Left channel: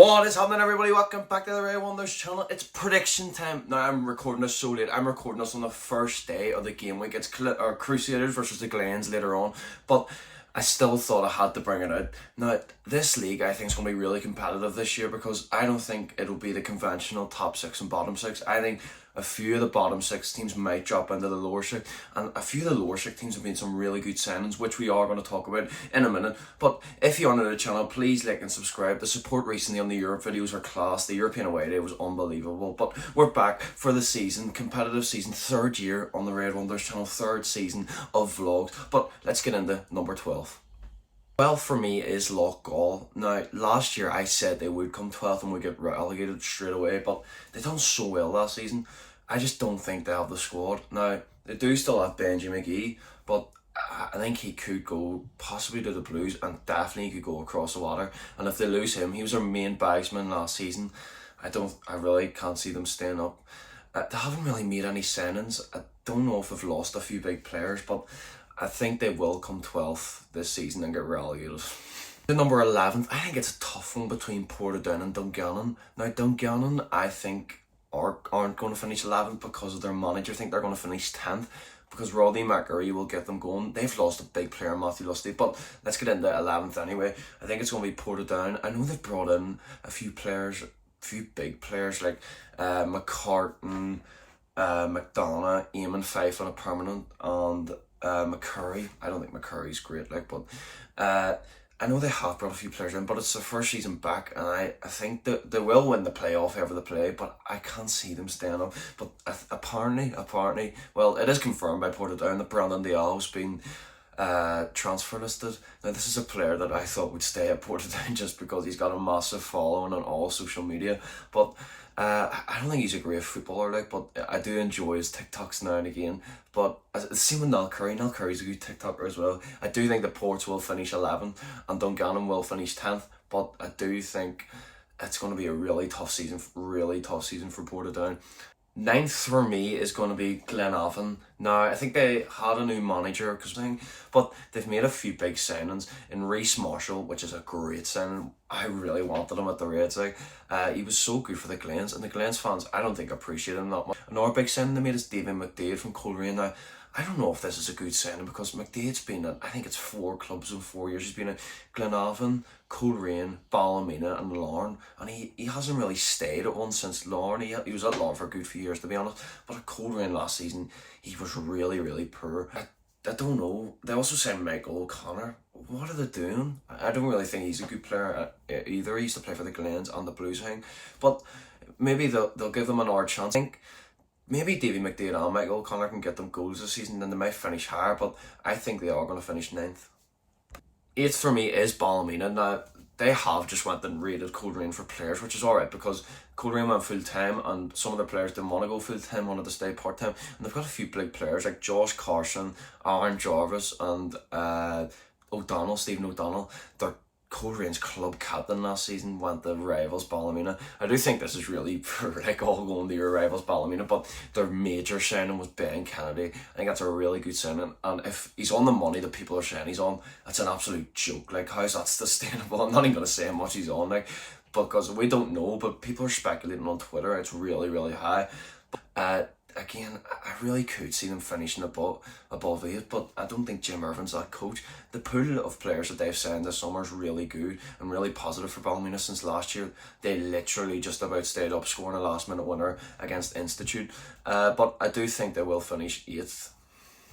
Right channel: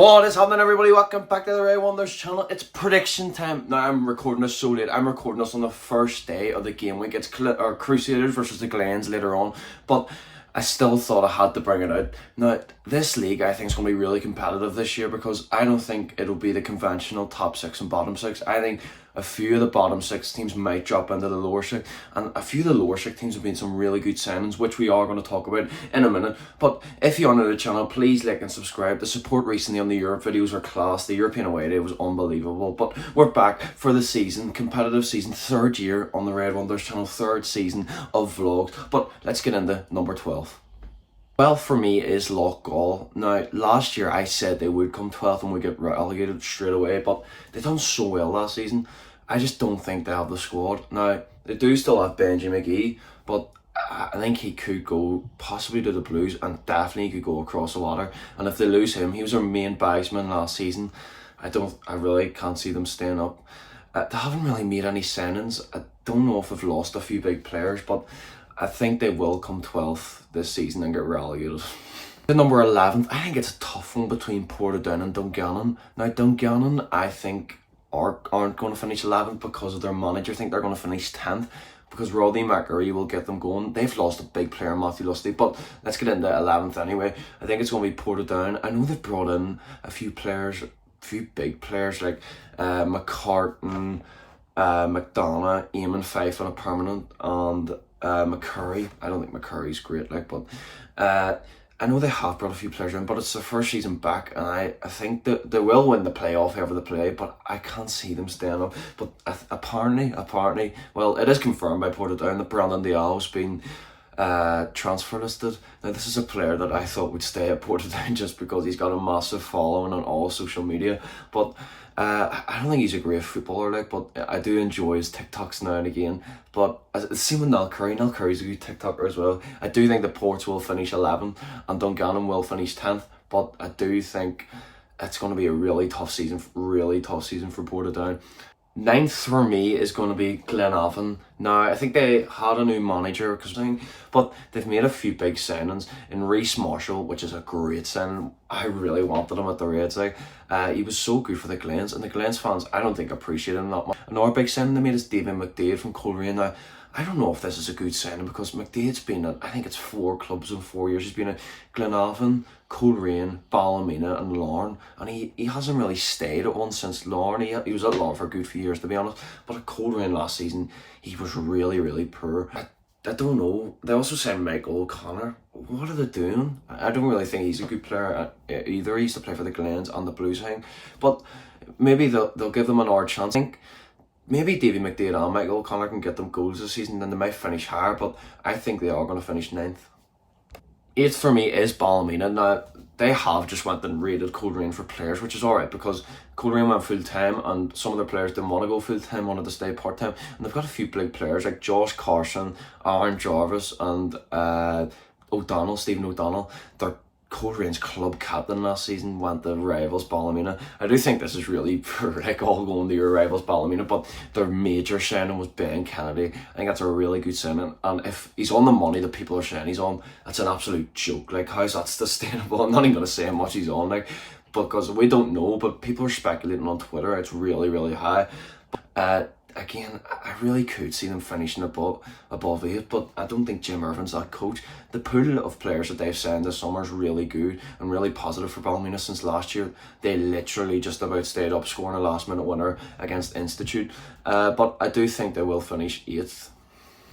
What is happening, everybody? Welcome back to the Ray Wonders channel. It's prediction time. Now, I'm recording this so late. I'm recording this on the first day of the game week. It's Crusaders versus the Glens later on, but I still thought I had to bring it out. Now, this league I think is going to be really competitive this year because I don't think it'll be the conventional top six and bottom six. I think a few of the bottom six teams might drop into the lower six, and a few of the lower six teams have been some really good signings, which we are going to talk about in a minute. But if you're new to the channel, please like and subscribe. The support recently on the Europe videos are class. The European away day was unbelievable. But we're back for the season, competitive season, third year on the Red Wonders channel, third season of vlogs. But let's get into number 12. Well, for me is Loughgall. Now, last year I said they would come 12th and we get relegated straight away, but they've done so well last season. I just don't think they have the squad. Now, they do still have Benji McGee, but I think he could go possibly to the Blues and definitely could go across the water. And if they lose him, he was our main bagsman last season. I really can't see them staying up. They haven't really made any signings. I don't know if they've lost a few big players, but I think they will come 12th this season and get relegated. The number 11th, I think it's a tough one between Portadown and Dungannon. Now, Dungannon, I think, aren't going to finish 11th because of their manager. I think they're going to finish 10th because Rodney McAree will get them going. They've lost a big player, Matthew Lusty, but let's get into 11th anyway. I think it's going to be Portadown. I know they've brought in a few players, a few big players like McCartan, McDonough, Eamon Fife on a permanent, and McCurry. I don't think McCurry's great, but I know they have brought a few players in, but it's their first season back, and I think that they will win the playoff ever they play, but I can't see them staying up. But apparently, well, it is confirmed by Portadown that Brandon Diallo's been transfer listed. Now, this is a player that I thought would stay at Portadown just because he's got a massive following on all social media, but I don't think he's a great footballer, but I do enjoy his TikToks now and again. But same with Niall Curry. Niall Curry's a good TikToker as well. I do think the Ports will finish 11th and Dungannon will finish 10th, but I do think it's going to be a really tough season for Portadown. 9th for me is going to be Glenavon. Now, I think they had a new manager, but they've made a few big signings in Reece Marshall, which is a great signing. I really wanted him at the Reds. He was so good for the Glens, and the Glens fans, I don't think appreciate him that much. Another big signing they made is David McDade from Coleraine. Now, I don't know if this is a good signing because McDade's been at, I think it's 4 clubs in 4 years. He's been at Glenavon, Coleraine, Ballymena and Larne, and he hasn't really stayed at one since Larne. He was at Larne for a good few years, to be honest, but at Coleraine last season he was really poor. I don't know. They also signed Michael O'Connor. What are they doing? I don't really think he's a good player either. He used to play for the Glens and the Blues, but maybe they'll give them another chance. I think maybe Davy McDade and Michael O'Connor can get them goals this season, then they might finish higher, but I think they are going to finish 9th. 8th for me is Ballymena. Now, they have just went and raided Coleraine for players, which is alright because Coleraine went full-time and some of their players didn't want to go full-time, wanted to stay part-time, and they've got a few big players like Josh Carson, Aaron Jarvis and Stephen O'Donnell. They're Coleraine's club captain last season went to rivals Ballymena. I do think this is really all going to your rivals Ballymena, but their major signing was Ben Kennedy. I think that's a really good signing, and if he's on the money that people are saying he's on, that's an absolute joke. How's that sustainable? I'm not even going to say how much he's on, because we don't know, but people are speculating on Twitter. It's really high. Again, I really could see them finishing above 8, but I don't think Jim Irvin's that coach. The pool of players that they've signed this summer is really good and really positive for Ballymena since last year. They literally just about stayed up, scoring a last-minute winner against Institute. But I do think they will finish 8th.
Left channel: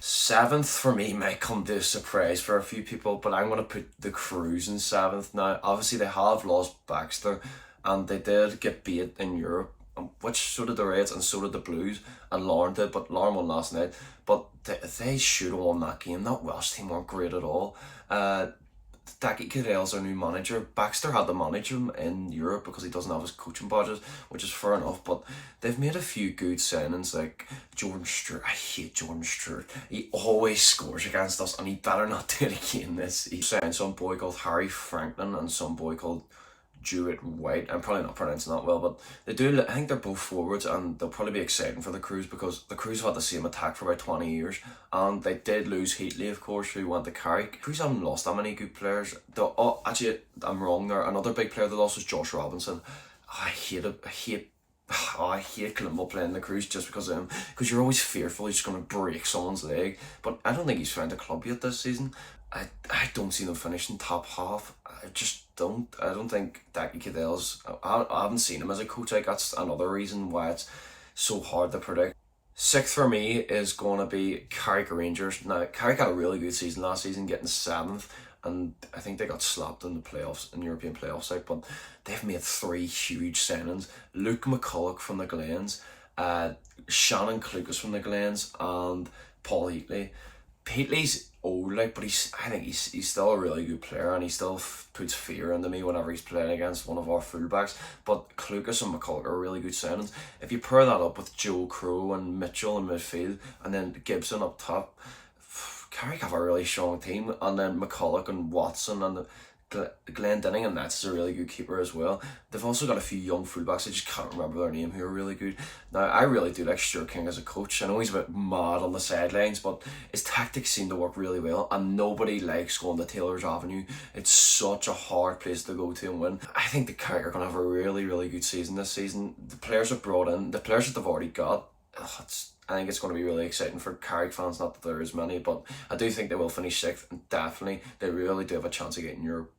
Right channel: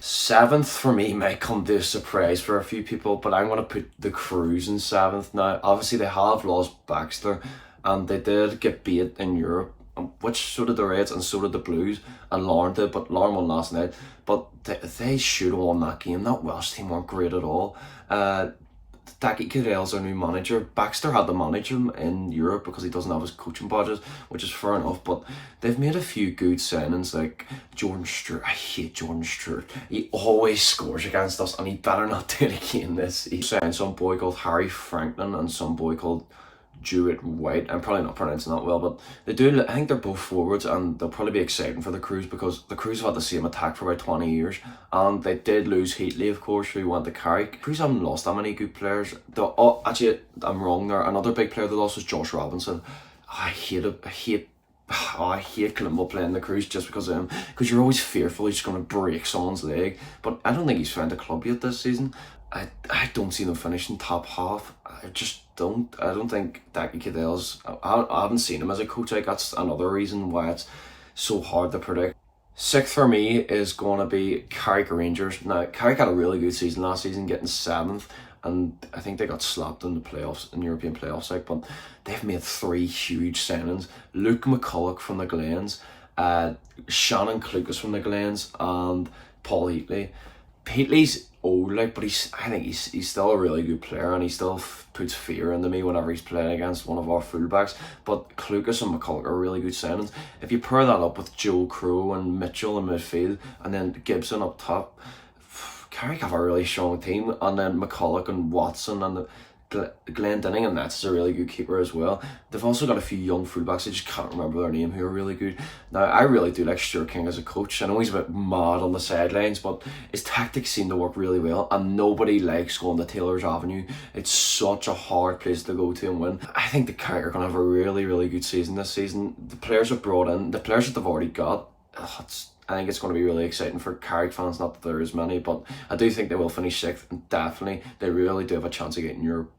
7th for me might come to a surprise for a few people, but I'm going to put the Crews in 7th. Now, obviously, they have lost Baxter, and they did get beat in Europe, which so did the Reds and so did the Blues, and Larne did, but Larne won last night. But they should have won that game. That Welsh team weren't great at all. Taki Cadell's their new manager. Baxter had to manage him in Europe because he doesn't have his coaching budget, which is fair enough, but they've made a few good signings like Jordan Stewart. I hate Jordan Stewart. He always scores against us and he better not do it again this. He signed some boy called Harry Franklin and some boy called Jewett White. I'm probably not pronouncing that well, but they do. I think they're both forwards, and they'll probably be exciting for the Cruise because the Cruise have had the same attack for about 20 years, and they did lose Heatley, of course, who went to Carrick. Cruise haven't lost that many good players. Actually, I'm wrong there. Another big player they lost was Josh Robinson. I hate it. I hate Climo playing the Cruise just because of him. Because you're always fearful he's going to break someone's leg. But I don't think he's found a club yet this season. I don't see them finishing top half. I just don't. I don't think Daki Cadell's... I haven't seen him as a coach. Like, that's another reason why it's so hard to predict. Sixth for me is going to be Carrick Rangers. Now, Carrick had a really good season last season, getting 7th. And I think they got slapped in the playoffs, in European playoffs, like, but they've made 3 huge signings. Luke McCulloch from the Glens, Shannon Clucas from the Glens, and Paul Heatley. Heatley's old, like, but I think he's still a really good player, and he still puts fear into me whenever he's playing against one of our fullbacks. But Clucas and McCulloch are really good signings. If you pair that up with Joe Crow and Mitchell in midfield, and then Gibson up top, Carrick have a really strong team, and then McCulloch and Watson and Glendinning, and that's a really good keeper as well. They've also got a few young fullbacks, I just can't remember their name, who are really good. Now, I really do like Stuart King as a coach. I know he's a bit mad on the sidelines, but his tactics seem to work really well, and nobody likes going to Taylor's Avenue. It's such a hard place to go to and win. I think the Carrick are going to have a really, really good season this season. The players have brought in, the players that they've already got, I think it's going to be really exciting for Carrick fans. Not that there is many, but I do think they will finish 6th, and definitely they really do have a chance of getting Europe.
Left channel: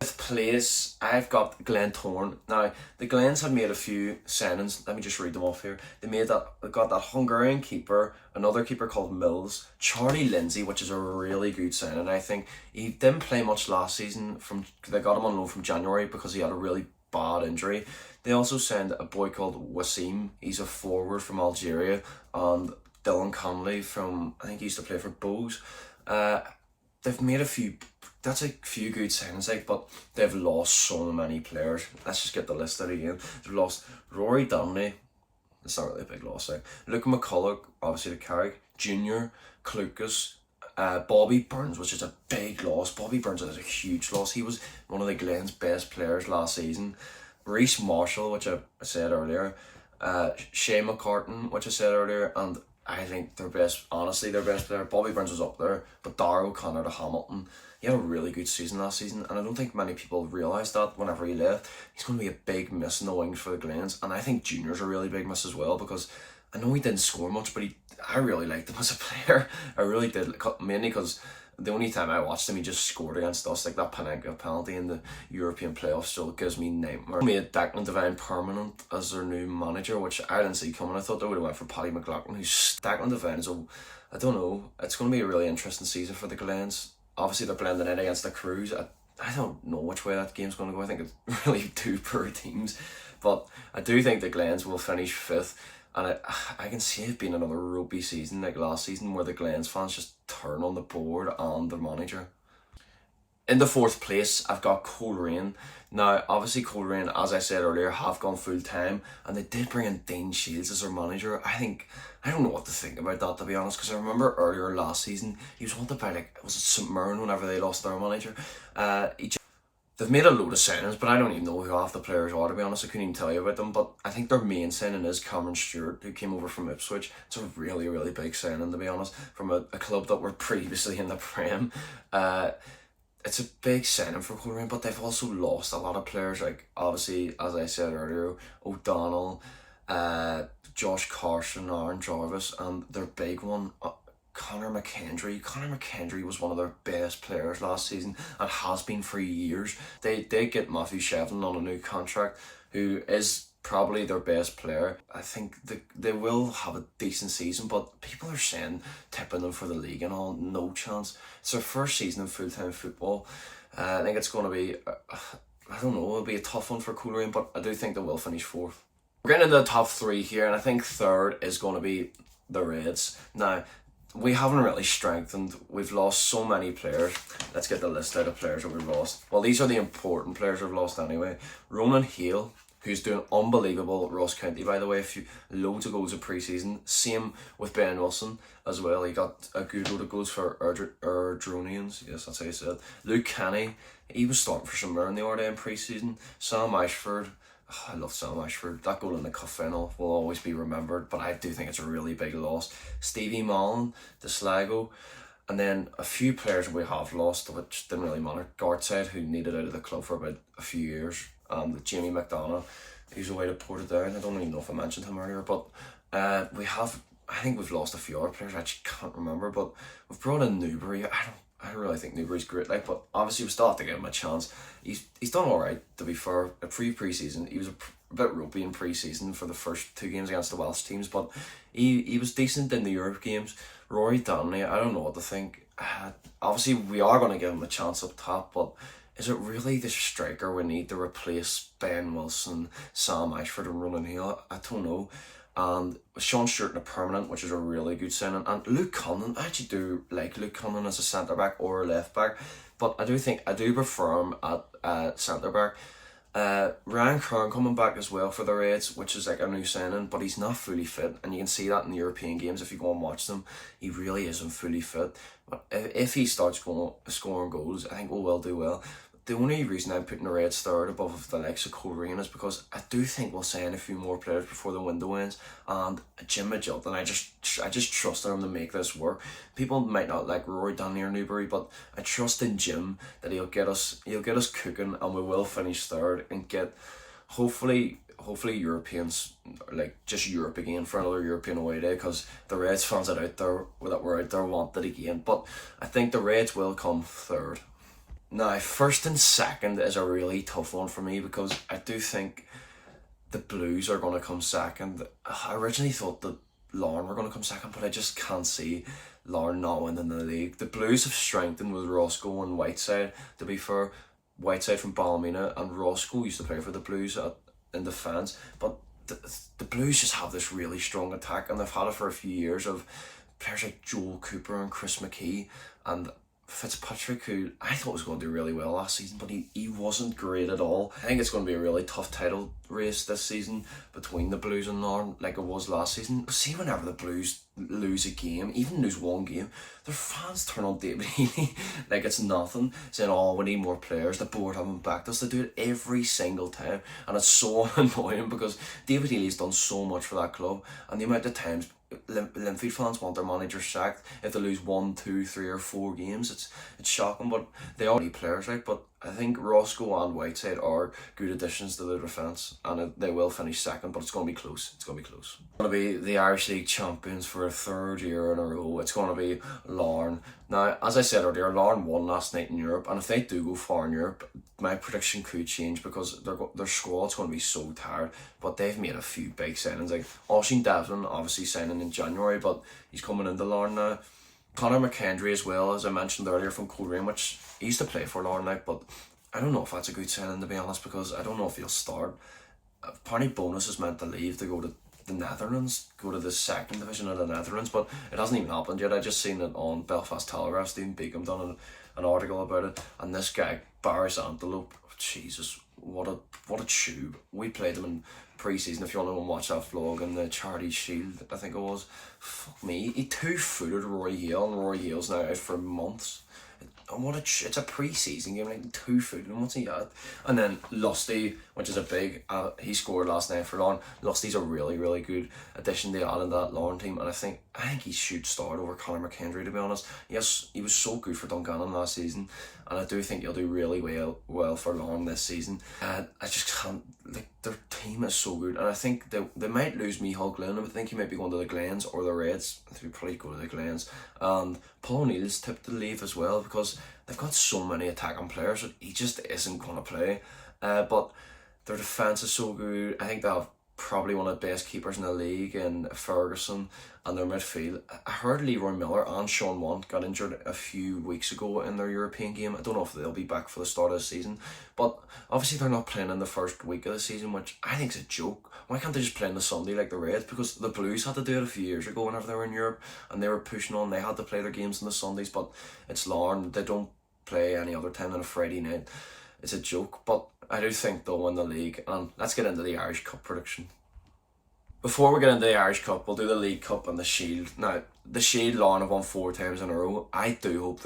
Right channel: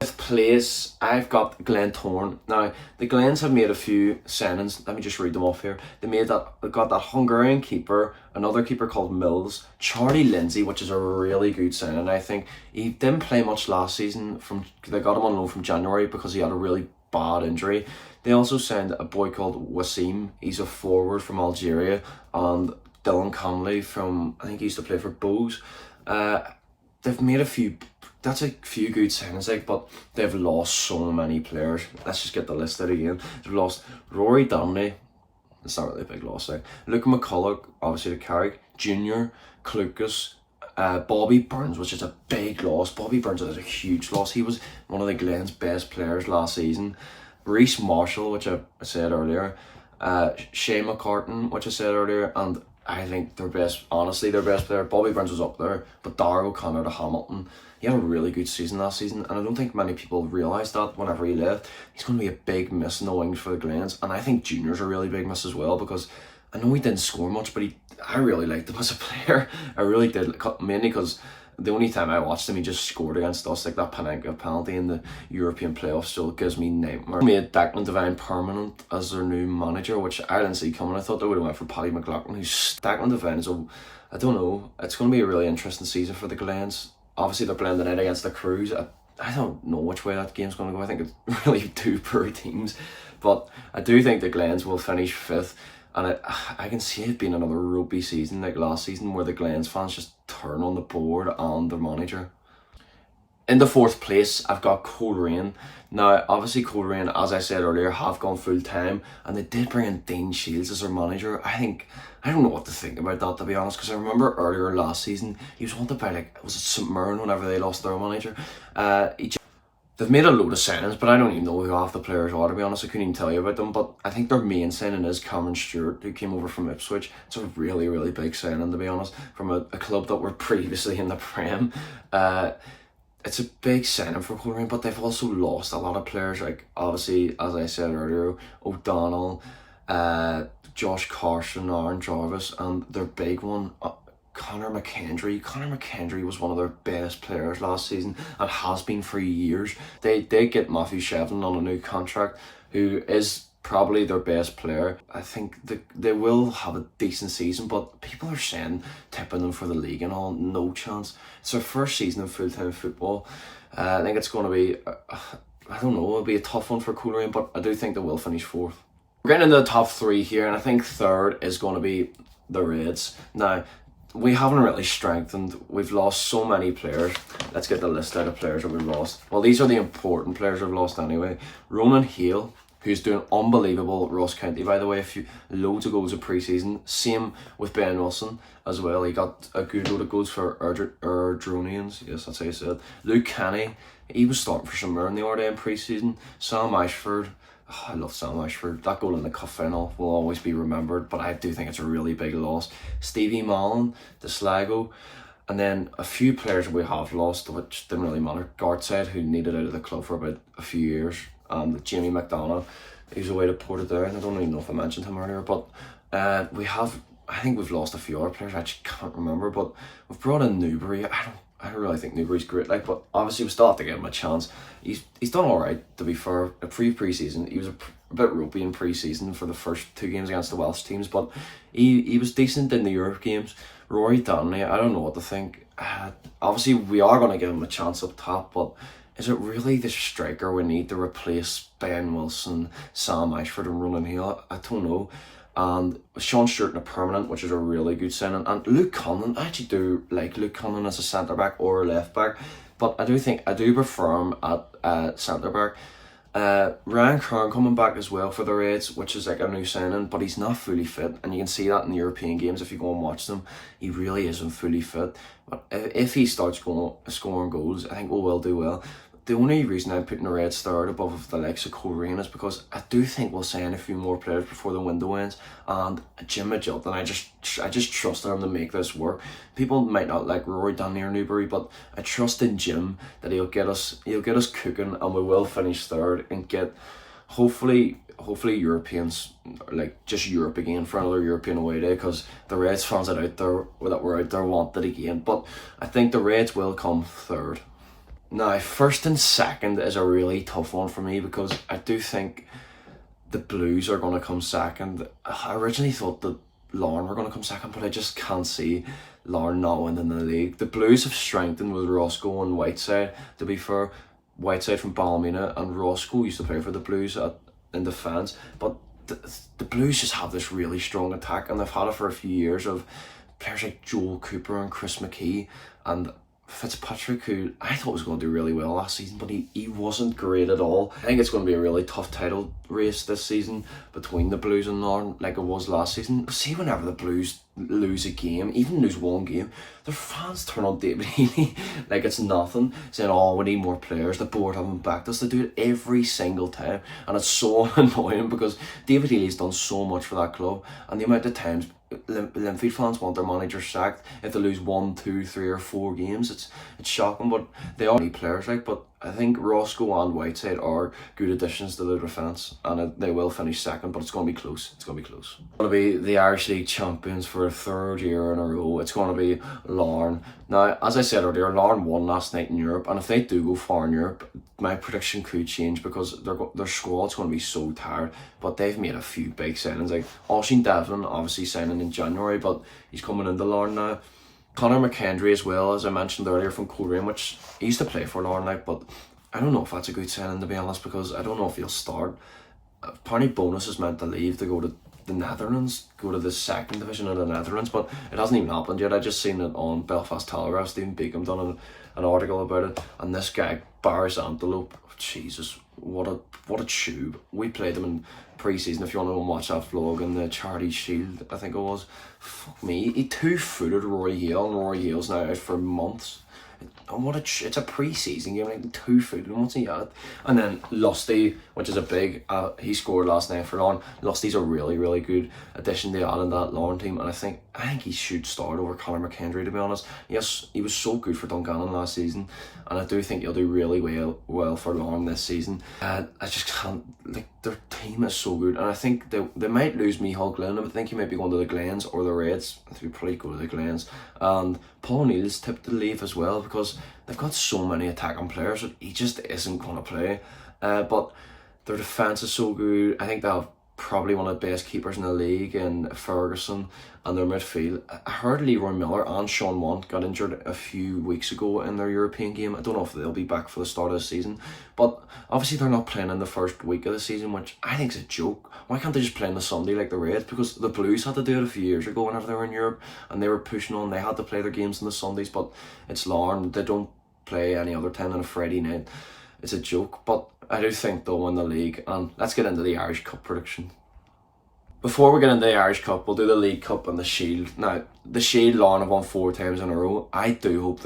5th place, I've got Glentoran. Now, the Glens have made a few signings. Let me just read them off here. They got that Hungarian keeper, another keeper called Mills, Charlie Lindsay, which is a really good signing. I think he didn't play much last season. They got him on loan from January because he had a really bad injury. They also signed a boy called Wassim. He's a forward from Algeria, and Dylan Connolly from, I think he used to play for Bose. They've made a few good signings, like, but they've lost so many players. Let's just get the list out again. They've lost Rory Donnelly. It's not really a big loss, like. Luke McCulloch, obviously to Carrick. Junior, Clucas, Bobby Burns, which is a big loss. Bobby Burns is a huge loss. He was one of the Glens' best players last season. Reece Marshall, which I said earlier, Shea McCartan, which I said earlier, and I think their best player, Bobby Burns was up there, but Darragh O'Connor to Hamilton. He had a really good season last season, and I don't think many people realised that whenever he left. He's going to be a big miss in the wings for the Glens, and I think Junior's a really big miss as well, because I know he didn't score much, but I really liked him as a player. I really did, mainly because the only time I watched him, he just scored against us, like that Panenka penalty in the European playoffs still gives me nightmare. Made Declan Devine permanent as their new manager, which I didn't see coming. I thought they would have went for Paddy McLaughlin, who's Declan Devine is I don't know, it's going to be a really interesting season for the Glens. Obviously they're blending in against the Cruise. I don't know which way that game's going to go. I think it's really 2 poor teams, but I do think the Glens will finish 5th. And I can see it being another ropey season like last season, where the Glens fans just turn on the board and the manager. In the 4th place, I've got Coleraine. Now, obviously Coleraine, as I said earlier, have gone full time, and they did bring in Dean Shields as their manager. I don't know what to think about that, to be honest, because I remember earlier last season, he was wanted by, like, was it St Mirren whenever they lost their manager? They've made a load of signings, but I don't even know who half the players are, to be honest. I couldn't even tell you about them, but I think their main signing is Cameron Stewart, who came over from Ipswich. It's a really, really big signing, to be honest, from a club that were previously in the Prem. It's a big signing for Coleraine, but they've also lost a lot of players, like, obviously, as I said earlier, O'Donnell, Josh Carson, Aaron Jarvis, and their big one, Conor McKendry. Conor McKendry was one of their best players last season and has been for years. They did get Matthew Shevlin on a new contract, who is probably their best player. I think they will have a decent season, but people are saying tipping them for the league and all. No chance. It's their first season of full-time football. I think it's going to be, I don't know, it'll be a tough one for Coleraine, but I do think they will finish 4th. We're getting into the top 3 here, and I think 3rd is going to be the Reds. Now, we haven't really strengthened. We've lost so many players. Let's get the list out of players that we've lost. Well, these are the important players we've lost anyway. Ronan Hale, who's doing unbelievable. Ross County, by the way, loads of goals in pre-season. Same with Ben Wilson as well. He got a good load of goals for Erdronians. Yes, that's how you said. Luke Kenny, he was starting for St Mirren the other day in pre-season. Sam Ashford. Oh, I love Sam Ashford. That goal in the cup final will always be remembered, but I do think it's a really big loss. Stevie Malin, the Sligo. And then a few players we have lost, which didn't really matter. Gartside, who needed out of the club for about a few years. Jamie McDonough, he's away to Portadown. I don't even know if I mentioned him earlier, but I think we've lost a few other players. I just can't remember, but we've brought in Newbury. I don't really think Newbury's great, but obviously we still have to give him a chance. He's done all right, to be fair. Pre-season, he was a bit ropey in pre-season for the first 2 games against the Welsh teams, but he was decent in the Europe games. Rory Donnelly, I don't know what to think. Obviously, we are going to give him a chance up top, but is it really the striker we need to replace Ben Wilson, Sam Ashford and Ronan Hill? I don't know. And Sean Stewart in a permanent, which is a really good signing. And Luke Conlon, I actually do like Luke Conlon as a centre-back or a left-back, but I do prefer him at centre-back. Ryan Kern coming back as well for the Reds, which is like a new signing, but he's not fully fit, and you can see that in the European games if you go and watch them. He really isn't fully fit, but if he starts scoring goals, I think we will do well. The only reason I'm putting the Reds third above the likes of Coleraine is because I do think we'll sign a few more players before the window ends, and Jim Magilton, I just trust him to make this work. People might not like Rory Donnelly or Newbury, but I trust in Jim that he'll get us cooking, and we will finish third and get hopefully Europeans, like just Europe again for another European away day, because the Reds fans that were out there want it again. But I think the Reds will come third. Now, first and second is a really tough one for me, because I do think the Blues are going to come second. I originally thought that Larne were going to come second, but I just can't see Larne not winning the league. The Blues have strengthened with Roscoe and Whiteside, to be fair. Whiteside from Ballymena, and Roscoe used to play for the Blues in defence. But the Blues just have this really strong attack, and they've had it for a few years, of players like Joel Cooper and Chris McKee and Fitzpatrick, who I thought was going to do really well last season, but he wasn't great at all. I think it's going to be a really tough title race this season between the Blues and Larne, like it was last season. See, whenever the Blues lose a game, even lose one game, their fans turn on David Healy like it's nothing, saying, oh, we need more players, the board haven't backed us. They do it every single time, and it's so annoying, because David Healy's done so much for that club, and the amount of times Linfield fans want their manager sacked if they lose 1, 2, 3 or 4 games. It's shocking, but they are players, but I think Roscoe and Whiteside are good additions to the defence, and they will finish second, but it's going to be close. It's going to be close. It's going to be the Irish League champions for a 3rd year in a row. It's going to be Larne. Now, as I said earlier, Larne won last night in Europe, and if they do go far in Europe, my prediction could change, because their squad's going to be so tired. But they've made a few big signings, like Oisin Devlin, obviously signing in January, but he's coming into Larne now. Conor McKendry as well, as I mentioned earlier, from Coleraine, which he used to play for Larne, but I don't know if that's a good signing, to be honest, because I don't know if he'll start. Apparently Bonus is meant to leave to go to the Netherlands, go to the 2nd division of the Netherlands, but it hasn't even happened yet. I just seen it on Belfast Telegraph. Stephen Beacom done an article about it, and this guy, Barris Antelope, Jesus, what a tube. We played him in pre-season, if you want to go and watch that vlog, in the Charity Shield, I think it was. Fuck me, he 2-footed Rory Hale, and Rory Hale's now out for months. And it's a pre-season game, like 2-footed, what's he at? And then Lusty, which is a big, he scored last night for Larne. Lusty's a really, really good addition to add in that Larne team, and I think he should start over Conor McKendry, to be honest. Yes, he was so good for Dungannon last season, and I do think he'll do really well for Larne this season. I just can't, their team is so good, and I think they might lose Micheál Glynn. I think he might be going to the Glens or the Reds. I think he'll probably go to the Glens. And Paul O'Neill's tipped to leave as well, because they've got so many attacking players that he just isn't going to play. But their defence is so good. I think they have probably one of the best keepers in the league in Ferguson, and their midfield. I heard Leroy Miller and Sean Want got injured a few weeks ago in their European game. I don't know if they'll be back for the start of the season, but obviously they're not playing in the first week of the season, which I think is a joke. Why can't they just play on the Sunday like the Reds? Because the Blues had to do it a few years ago whenever they were in Europe, and they were pushing on. They had to play their games on the Sundays, but it's Larne. They don't play any other time than a Friday night. it's a joke, but I do think they'll win the league. And let's get into the Irish Cup prediction. Before we get into the Irish Cup, we'll do the League Cup and the Shield. Now, the Shield, Larne have won 4 times in a row. I do hope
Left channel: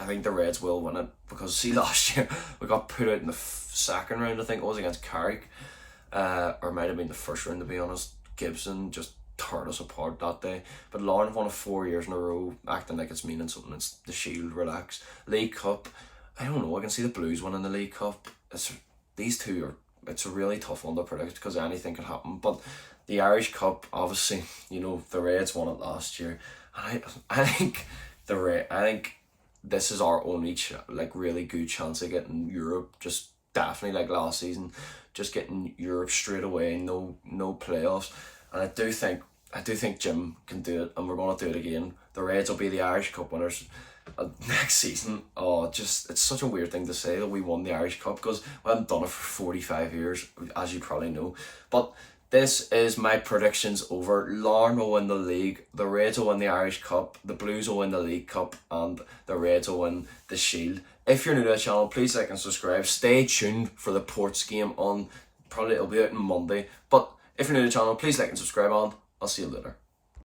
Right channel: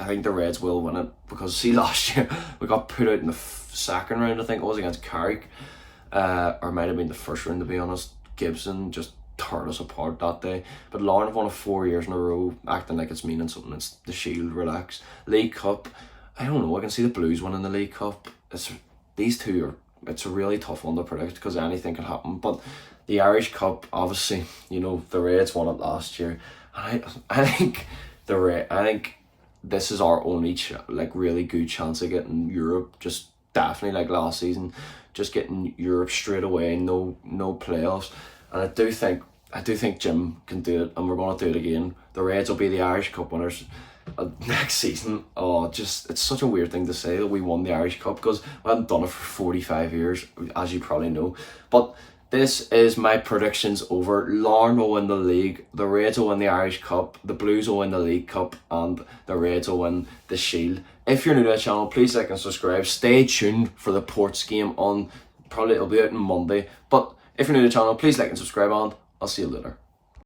I think the Reds will win it, because see, last year we got put out in the second round, I think it was, against Carrick. Or it might have been the first round, to be honest. Gibson just tore us apart that day. But Larne have won it 4 years in a row, acting like it's meaning something. It's the Shield, relax. League Cup, I don't know, I can see the Blues winning the League Cup. These two are, it's a really tough one to predict, because anything can happen. But the Irish Cup, obviously, you know, the Reds won it last year, and I think this is our only really good chance of getting Europe. Just definitely like last season, just getting Europe straight away. No playoffs, and I do think Jim can do it, and we're gonna do it again. The Reds will be the Irish Cup winners next season. It's such a weird thing to say that we won the Irish Cup, because we haven't done it for 45 years, as you probably know. But this is my predictions over. Larne will win the league, the Reds will win the Irish Cup, the Blues will win the League Cup, and the Reds will win the Shield. If you're new to the channel, please like and subscribe. Stay tuned for the Ports game on, probably it'll be out on Monday. But if you're new to the channel, please like and subscribe, and I'll see you later.